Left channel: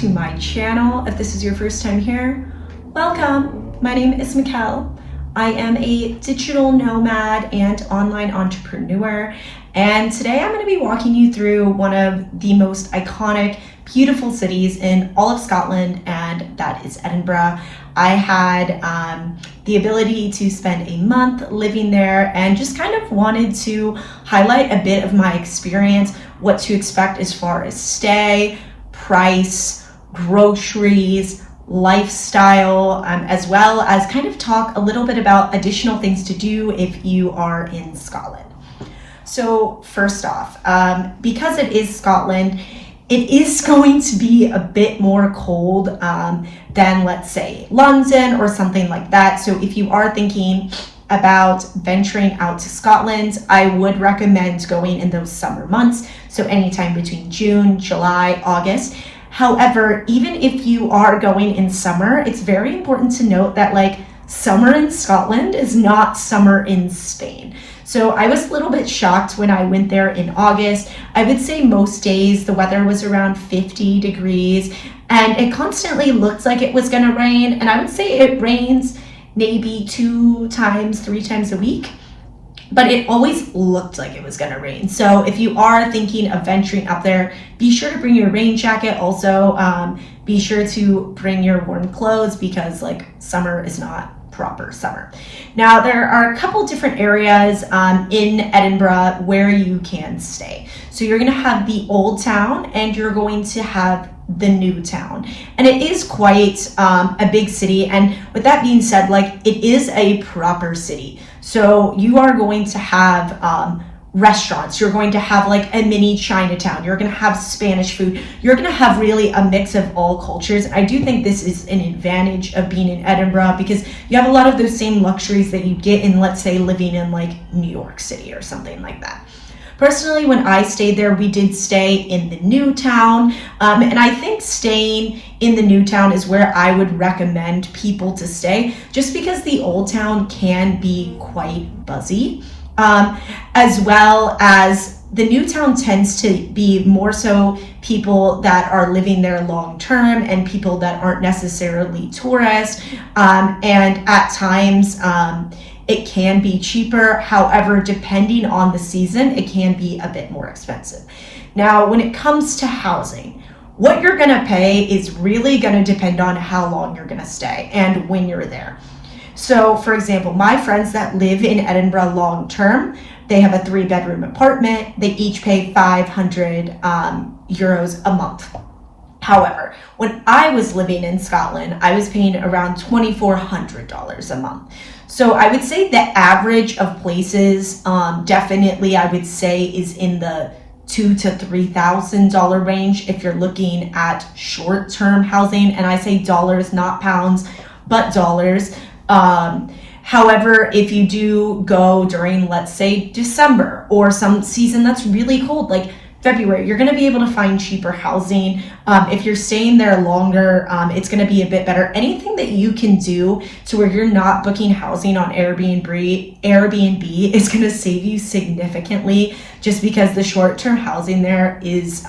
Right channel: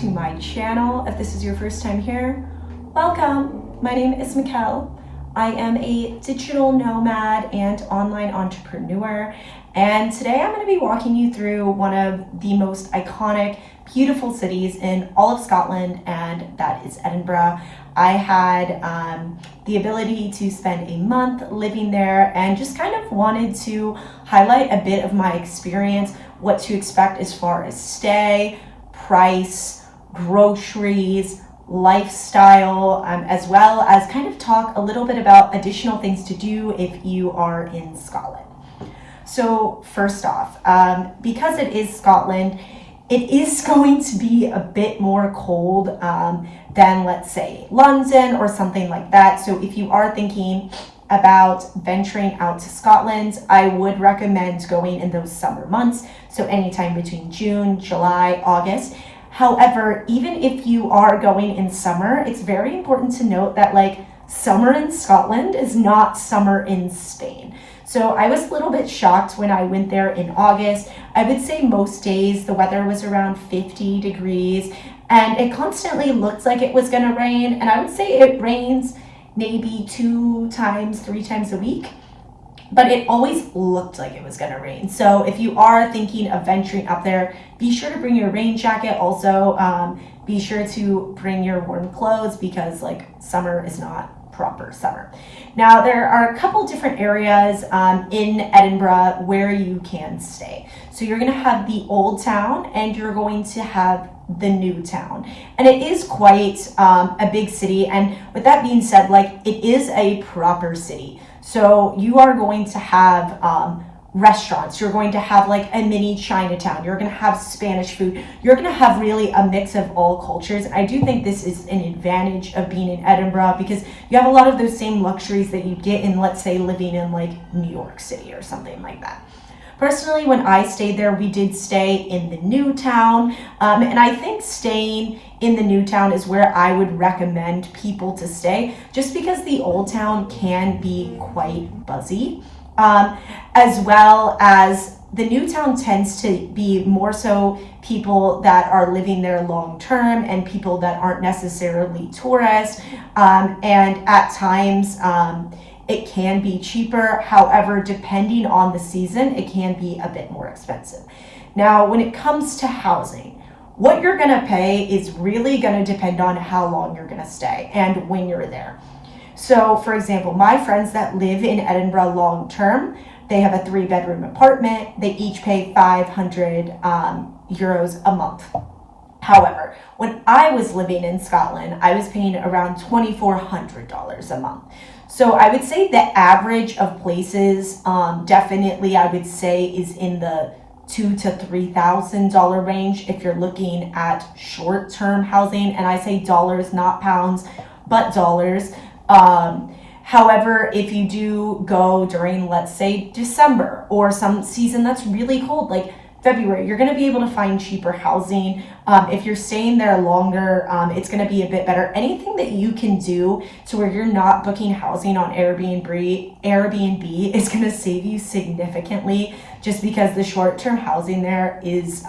to my channel. If this is your first time here, welcome. My name is Mikkel. I am a digital nomad and online entrepreneur, and today I'm going to be walking you through one of the most iconic, beautiful cities in all of Scotland, and that is Edinburgh. I had the ability to spend a month living there and just kind of wanted to highlight a bit of my experience, what to expect as far as stay, price, groceries, lifestyle, as well as kind of talk a little bit about additional things to do if you are in Scotland. So first off, because it is Scotland, it is going to be a bit more cold than, let's say, London or something like that. So if you are thinking about venturing out to Scotland, I would recommend going in those summer months. So anytime between June, July, August. However, even if you are going in summer, it's very important to note that summer in Scotland is not summer in Spain. So I was a little bit shocked when I went there in August. I would say most days the weather was around 50 degrees and it constantly looked like it was gonna rain. And I would say it rains maybe 2 times, 3 times a week, but it always looked like it was gonna rain. So if you are thinking of venturing up there, be sure to bring your rain jacket. Also, be sure to bring your warm clothes because summer is not proper summer. Now, there are a couple different areas in Edinburgh where you can stay. So you're gonna have the old town and you're going to have the new town. And it is quite a big city. And with that being said, it is a proper city. So you are going to have restaurants, you're going to have a mini Chinatown, you're going to have Spanish food, you're going to have really a mix of all cultures. And I do think this is an advantage of being in Edinburgh because you have a lot of those same luxuries that you get in, let's say, living in New York City or something like that. Personally, when I stayed there, we did stay in the new town, and I think staying in the new town is where I would recommend people to stay, just because the old town can be quite buzzy, as well as the new town tends to be more so people that are living there long term and people that aren't necessarily tourists, and at times it can be cheaper. However, depending on the season, it can be a bit more expensive. Now, when it comes to housing, what you're gonna pay is really gonna depend on how long you're gonna stay and when you're there. So for example, my friends that live in Edinburgh long term, they have a 3-bedroom apartment. They each pay 500 euros a month. However, when I was living in Scotland, I was paying around $2,400 a month. So I would say the average of places, definitely I would say is in the $2,000 to $3,000 range if you're looking at short-term housing. And I say dollars, not pounds, but dollars. However, if you do go during, let's say, December or some season that's really cold, like February, you're going to be able to find cheaper housing. If you're staying there longer, it's going to be a bit better. Anything that you can do to where you're not booking housing on Airbnb is going to save you significantly, just because the short-term housing there is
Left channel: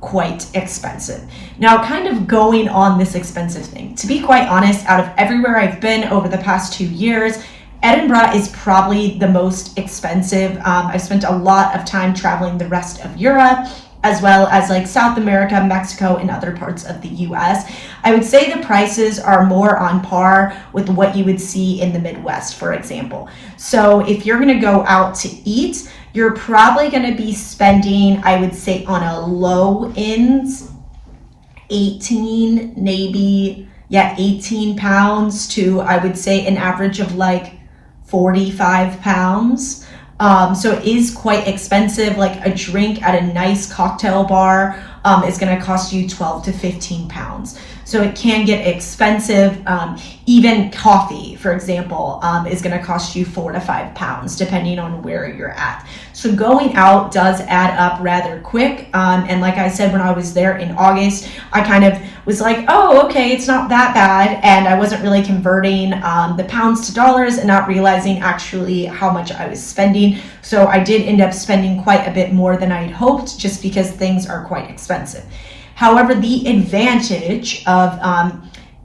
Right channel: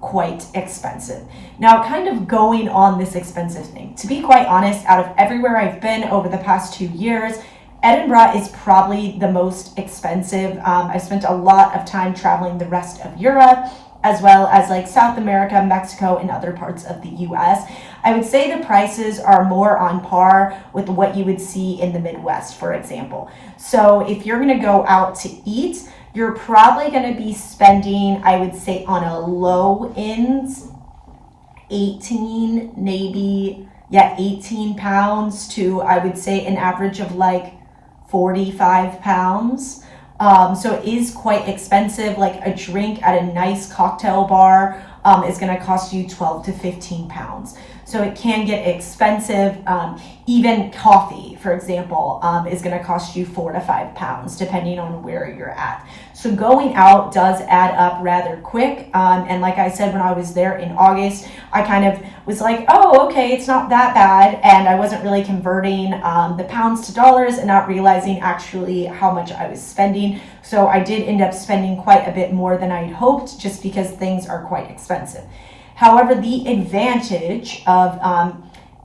quite expensive. Now, kind of going on this expensive thing, to be quite honest, out of everywhere I've been over the past 2 years, Edinburgh is probably the most expensive. I've spent a lot of time traveling the rest of Europe, as well as South America, Mexico, and other parts of the US. I would say the prices are more on par with what you would see in the Midwest, for example. So if you're gonna go out to eat, you're probably gonna be spending, I would say on a low end, 18 pounds to, I would say, an average of 45 pounds. So it is quite expensive. A drink at a nice cocktail bar is going to cost you 12 to 15 pounds. So it can get expensive. Even coffee, for example, is going to cost you 4 to 5 pounds, depending on where you're at. So going out does add up rather quick. And like I said, when I was there in August, I kind of was like, oh, okay, it's not that bad. And I wasn't really converting the pounds to dollars and not realizing actually how much I was spending. So I did end up spending quite a bit more than I had hoped, just because things are quite expensive. However, the advantage of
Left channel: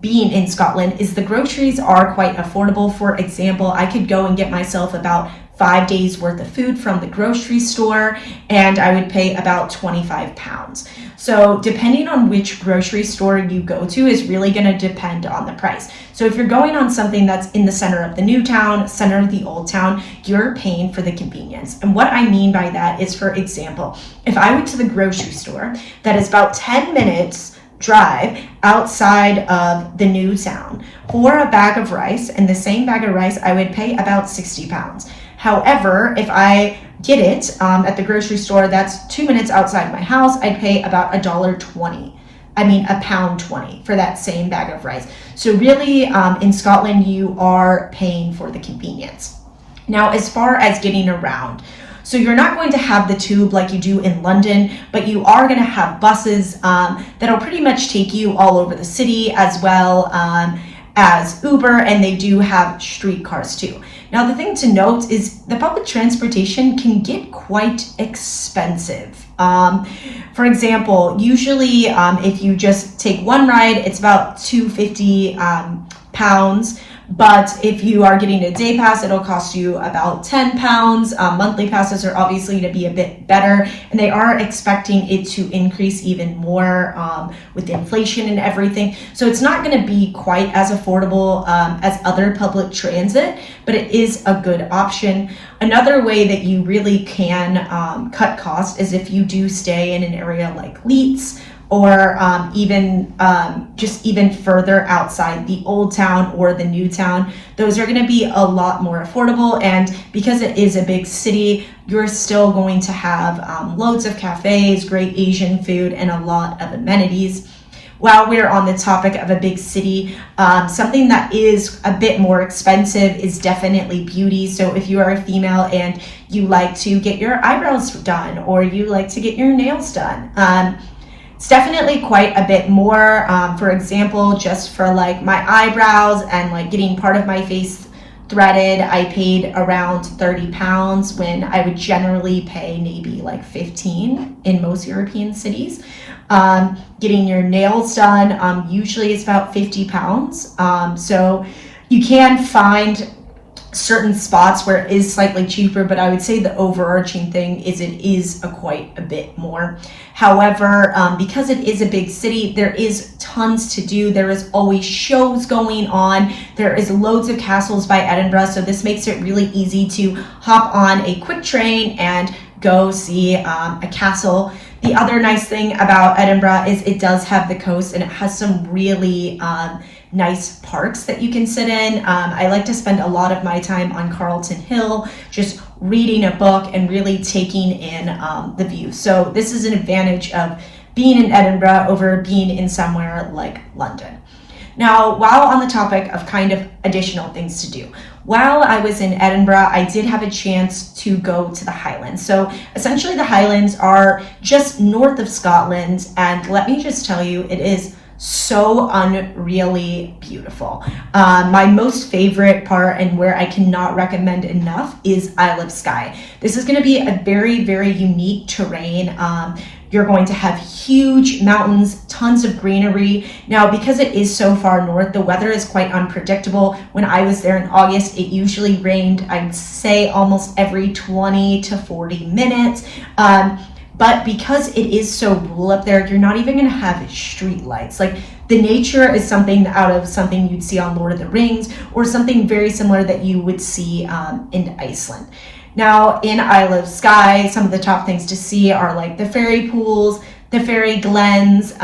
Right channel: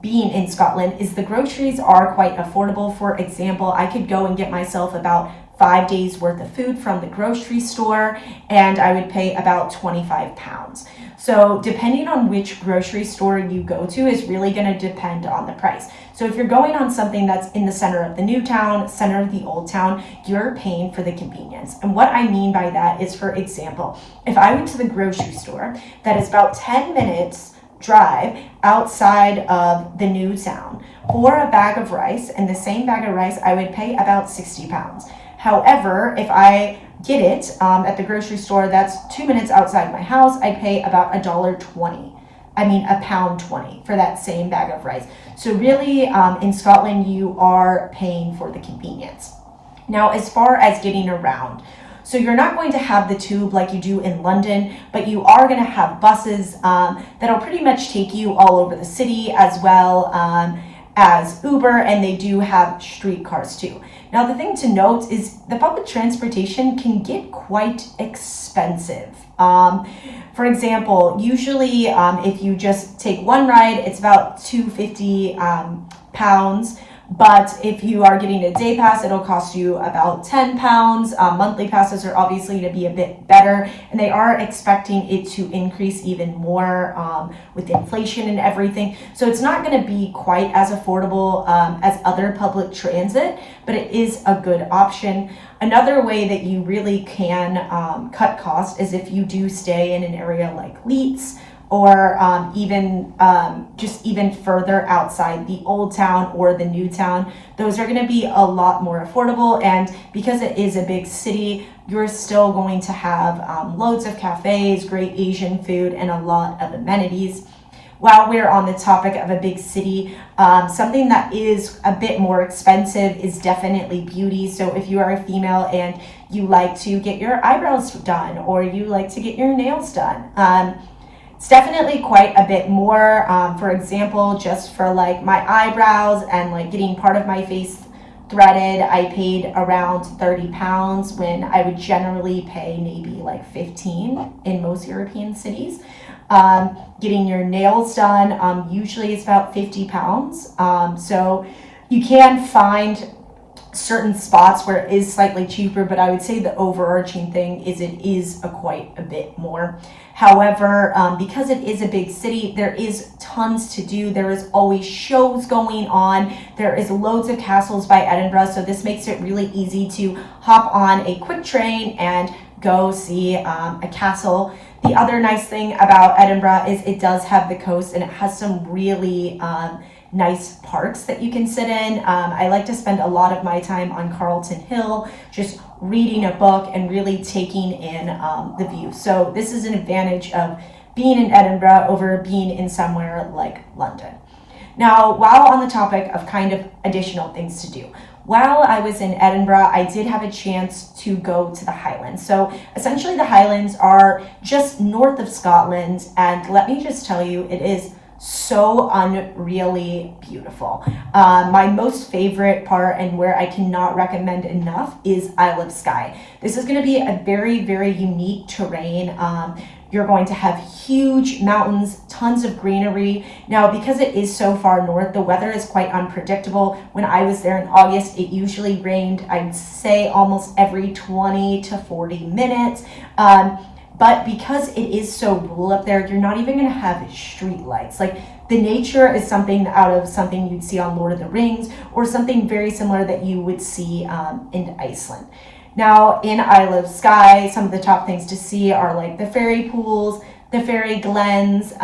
being in Scotland is the groceries are quite affordable. For example, I could go and get myself about 5 days worth of food from the grocery store, and I would pay about £25. So depending on which grocery store you go to is really going to depend on the price. So if you're going on something that's in the center of the new town, center of the old town, you're paying for the convenience. And what I mean by that is, for example, if I went to the grocery store that is about 10 minutes drive outside of the new town for a bag of rice, and the same bag of rice I would pay about £60. However, if I get it at the grocery store that's 2 minutes outside my house, I'd pay about £1.20. I mean £1.20 for that same bag of rice. So really, in Scotland, you are paying for the convenience. Now, as far as getting around, so you're not going to have the tube like you do in London, but you are going to have buses that'll pretty much take you all over the city, as well as Uber, and they do have streetcars too. Now, the thing to note is the public transportation can get quite expensive. For example, usually if you just take one ride, it's about £250. But if you are getting a day pass, it'll cost you about £10. Monthly passes are obviously to be a bit better, and they are expecting it to increase even more with inflation and everything. So it's not going to be quite as affordable as other public transit, but it is a good option. Another way that you really can cut costs is if you do stay in an area like Leeds, or just even further outside the old town or the new town. Those are going to be a lot more affordable, and because it is a big city, you're still going to have loads of cafes, great Asian food, and a lot of amenities. While we're on the topic of a big city, something that is a bit more expensive is definitely beauty. So if you are a female and you like to get your eyebrows done, or you like to get your nails done, it's definitely quite a bit more. For example, just for like my eyebrows and like getting part of my face threaded, I paid around £30 when I would generally pay maybe like 15 in most European cities. Getting your nails done, usually it's about £50. So you can find certain spots where it is slightly cheaper, but I would say the overarching thing is it is quite a bit more. However, because it is a big city, there is tons to do. There is always shows going on. There is loads of castles by Edinburgh, so this makes it really easy to hop on a quick train and go see a castle. The other nice thing about Edinburgh is it does have the coast, and it has some really nice parks that you can sit in. I like to spend a lot of my time on Carlton Hill, just reading a book and really taking in the view. So this is an advantage of being in Edinburgh over being in somewhere like London. Now, while on the topic of kind of additional things to do, while I was in Edinburgh, I did have a chance to go to the Highlands. So essentially the Highlands are just north of Scotland, and let me just tell you, it is so unreally beautiful. My most favorite part, and where I cannot recommend enough, is Isle of Skye. This is going to be a very, very unique terrain. You're going to have huge mountains, tons of greenery. Now, because it is so far north, the weather is quite unpredictable. When I was there in August, it usually rained, I'd say, almost every 20 to 40 minutes. But because it is so rural up there, you're not even going to have street lights. Like, the nature is something out of something you'd see on Lord of the Rings, or something very similar that you would see in Iceland. Now, in Isle of Skye, some of the top things to see are like the fairy pools, the fairy glens,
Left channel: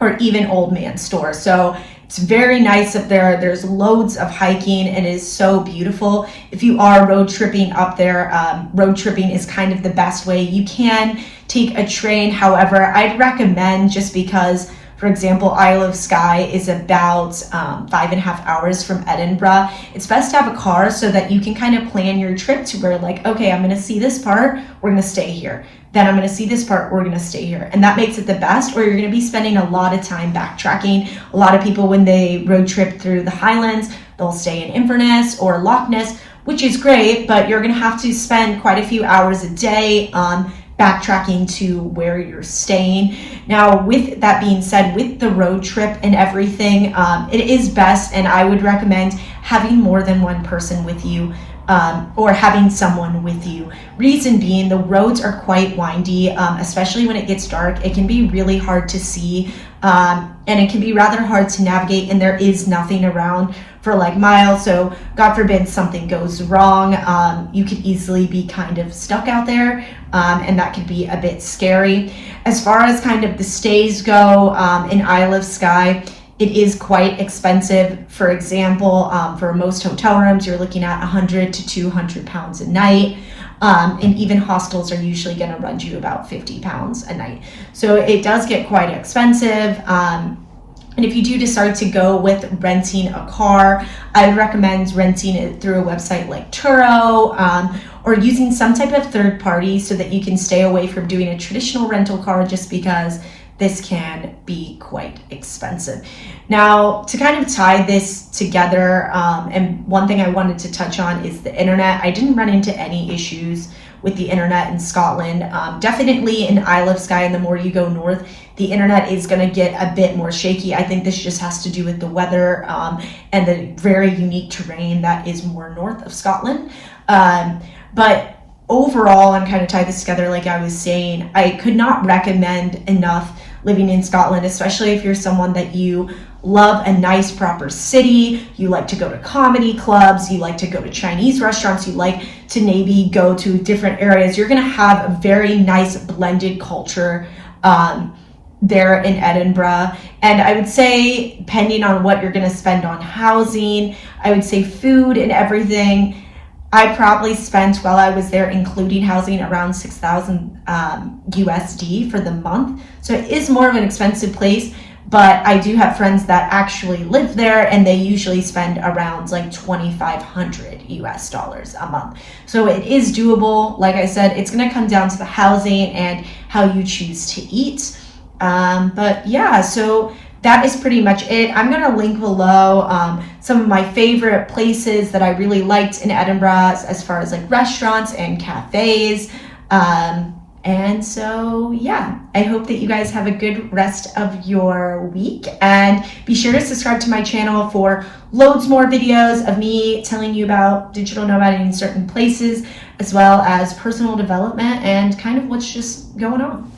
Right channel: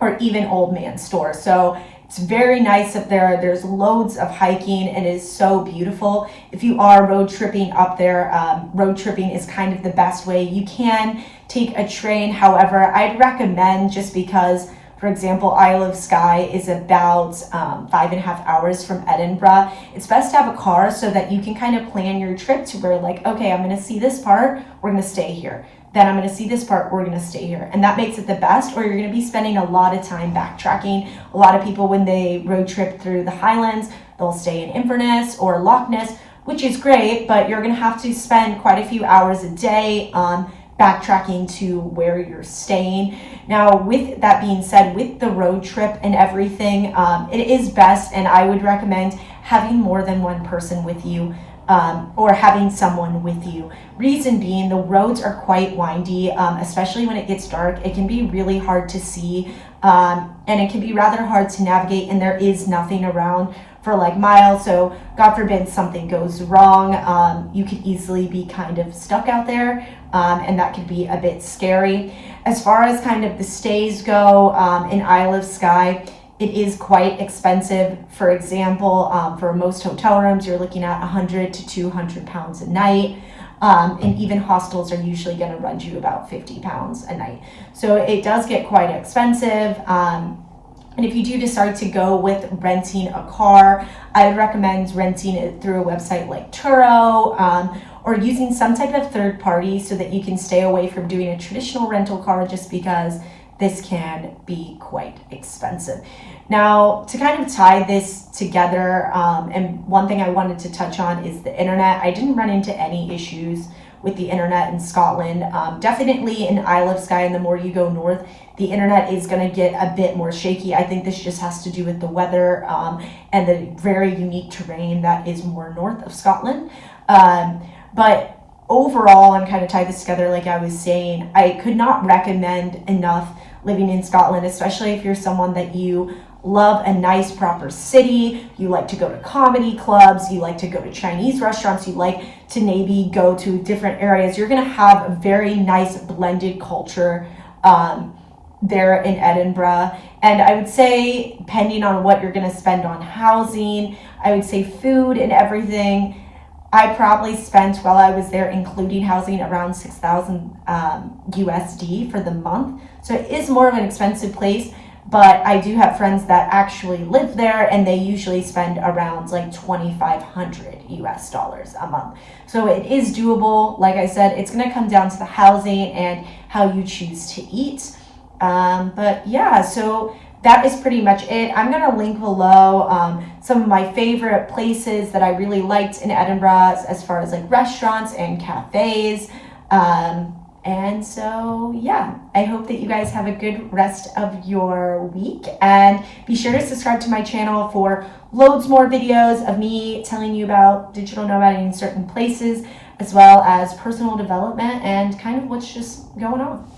or even Old Man Store. So it's very nice up there. There's loads of hiking, and it is so beautiful. If you are road tripping up there, road tripping is kind of the best way. You can take a train. However, I'd recommend, just because, for example, Isle of Skye is about 5.5 hours from Edinburgh. It's best to have a car so that you can kind of plan your trip to where, like, okay, I'm going to see this part, we're going to stay here. Then I'm going to see this part, we're going to stay here. And that makes it the best, or you're going to be spending a lot of time backtracking. A lot of people, when they road trip through the Highlands, they'll stay in Inverness or Loch Ness, which is great, but you're going to have to spend quite a few hours a day backtracking to where you're staying. Now, with that being said, with the road trip and everything, it is best, and I would recommend having more than one person with you, or having someone with you. Reason being, the roads are quite windy, especially when it gets dark. It can be really hard to see, and it can be rather hard to navigate, and there is nothing around for like miles. So God forbid something goes wrong, you could easily be kind of stuck out there, and that could be a bit scary. As far as kind of the stays go, in Isle of Skye, it is quite expensive. For example, for most hotel rooms, you're looking at 100 to 200 pounds a night. And even hostels are usually going to run you about 50 pounds a night. So it does get quite expensive. And if you do decide to go with renting a car, I would recommend renting it through a website like Turo, or using some type of third party so that you can stay away from doing a traditional rental car, just because this can be quite expensive. Now, to kind of tie this together, and one thing I wanted to touch on is the internet. I didn't run into any issues with the internet in Scotland. Definitely in Isle of Skye, and the more you go north, the internet is going to get a bit more shaky. I think this just has to do with the weather, and the very unique terrain that is more north of Scotland. But overall, and kind of tie this together, like I was saying, I could not recommend enough living in Scotland, especially if you're someone that you love a nice proper city, you like to go to comedy clubs, you like to go to Chinese restaurants, you like to maybe go to different areas. You're going to have a very nice blended culture there in Edinburgh. And I would say, depending on what you're going to spend on housing, I would say food and everything, I probably spent, while I was there, including housing, around 6,000 USD for the month. So it is more of an expensive place, but I do have friends that actually live there, and they usually spend around like 2,500 US dollars a month. So it is doable. Like I said, it's going to come down to the housing and how you choose to eat. But yeah, so that is pretty much it. I'm going to link below some of my favorite places that I really liked in Edinburgh, as far as like restaurants and cafes. And so, yeah, I hope that you guys have a good rest of your week, and be sure to subscribe to my channel for loads more videos of me telling you about digital nomading in certain places, as well as personal development and kind of what's just going on.